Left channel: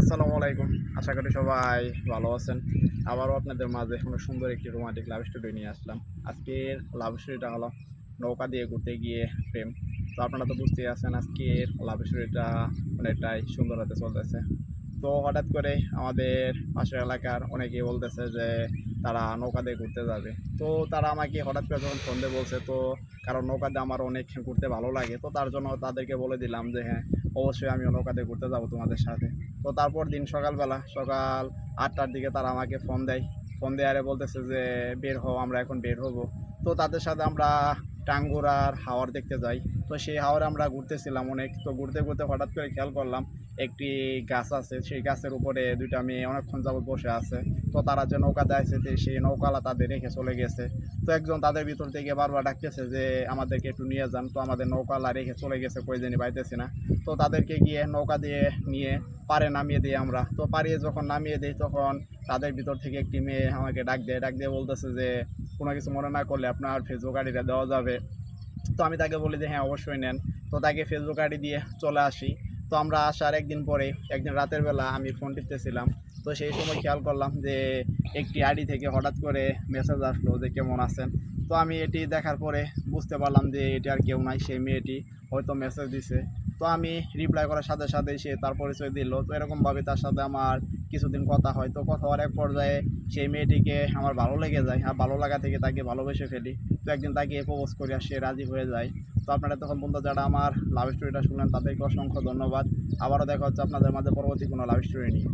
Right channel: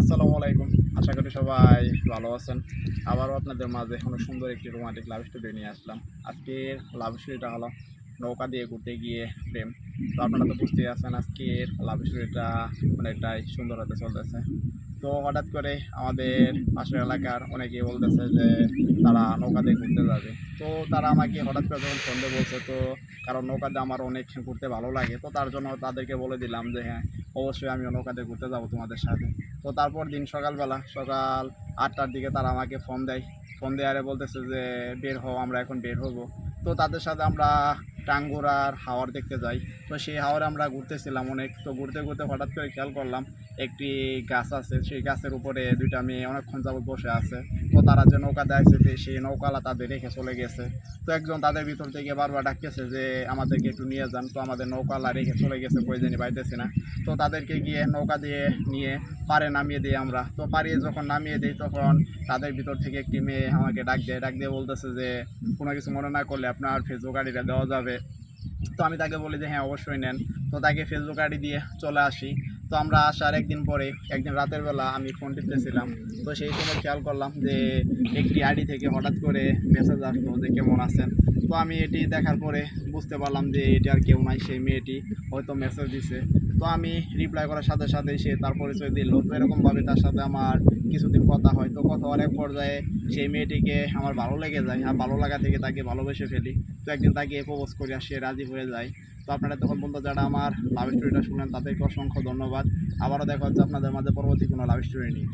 আসসালামু আলাইকুম। আশা করি সবাই ভালো আছেন। আবারও আপনাদের মাঝে অনেক সুন্দর একটি রোমান্টিক লাভ স্টোরি নিয়ে আসলাম। আজকের লাভ স্টোরিটা হলো নৌকা দিয়ে ঘুরতে গিয়ে প্রেম। তো আপনারা তো বুঝতেই আছেন আজকের লাভ স্টোরিটা অনেকটাই সুন্দর হতে চলতেছে। তো হঠাৎ করে আমাদের পাশের এলাকার অনেকেই বলতেছে যে তারা নৌকা দিয়ে ঘুরতে যাবে। তো তারা আমাকে হঠাৎ করে যখন ফোন দিয়ে বলছে, তো কারণ নৌকা দিয়ে আমার অনেক ঘুরতে ভালো লাগে। তো তার জন্য তাদেরকে বলে দিলাম যে হ্যাঁ, অবশ্যই আমিও নৌকা দিয়ে ঘুরতে যাবো তোমাদের সাথে। তো তারপর দিন সকালবেলা সকাল ৮টার দিকে তারা আমাকে ফোন দেয়। ফোন দেয় আরে বলতেছে যে বের হও, আমরা এখন বের হবো। তো তাদের সাথে আমরা টাঙ্গুরার হাওর দেখতে যাই। তো সেই হাওরে আমরা ঘুরতেছিলাম অনেক। তো ঘুরতে ঘুরতে হঠাৎ করে খেয়াল করলাম একটি গাছ আছে, সেই গাছের উপরে দুইটা মেয়ে অনেকক্ষণ যাবত বসে আছে। তো তারা যে নৌকা দেয়ছে সেই নৌকালা তাদের রেখে চলে গেছে। তো একজন তাদের ভিতর থেকে বারবার ডাকতেছে যে আমাদেরকে একটু নিয়ে যান। তো আমাদের নৌকালা রেখে চলে গেছে, কই জানি পাইতেছি না। তো তাদেরকে গিয়ে নৌকা দিয়ে নিয়ে পাড়ে নামিয়ে দিই আমরা। তো পাড়িয়ে যখন নামিয়ে দিই তখন তাদের ভিতর থেকে একটি মেয়ে আমাকে ডাক দিয়ে বলতেছে যে কোনো কিছু মনে না করলে আপনার ফেসবুক আইডিটা দেওয়া যাবে। তো আমি তাকে বলি যে হ্যাঁ, অবশ্যই নেন। তো তাকে ফেসবুক আইডি দিয়ে চলে আসি। তো আমরা আসার একদিন পরে একদিন রাতের বেলা আমি ফোন টিপতেছিলাম। তো সেই সময় খেয়াল করলাম যে একটি আইডি থেকে হঠাৎ করে মেসেজ আসলো যে কেমন আছেন। তো আমি এটি দেখার পরে বুঝতে পারলাম যে এটি আর কেউ নাই, সেই মেয়েটি হয়তো মেসেজ দিছে। তো আমি রিপ্লাই করার সাথে সাথেই সে তার পরিচয় দিল। তো এরকমভাবে তার সাথে আমার কিছুদিন কথা হয়। তো কথা হওয়ার এক পর্যায়ে সেই মেয়েটিকে আমার ভালো লেগে যায়, আর ভালো লাগা থেকে তাকে ভালোবেসে ফেলি। তো একদিন তাকে প্রপোজ করি আর সে রাজি হয়ে যায়। তো আপনারা তখন বন্ধু যারা আমার লাভ স্টোরিটা শুনলেন তাদেরকে অসংখ্য ধন্যবাদ। আবারও দেখা হচ্ছে আপনাদের মাঝে পরবর্তী কোনো লাভ স্টোরি নিয়ে।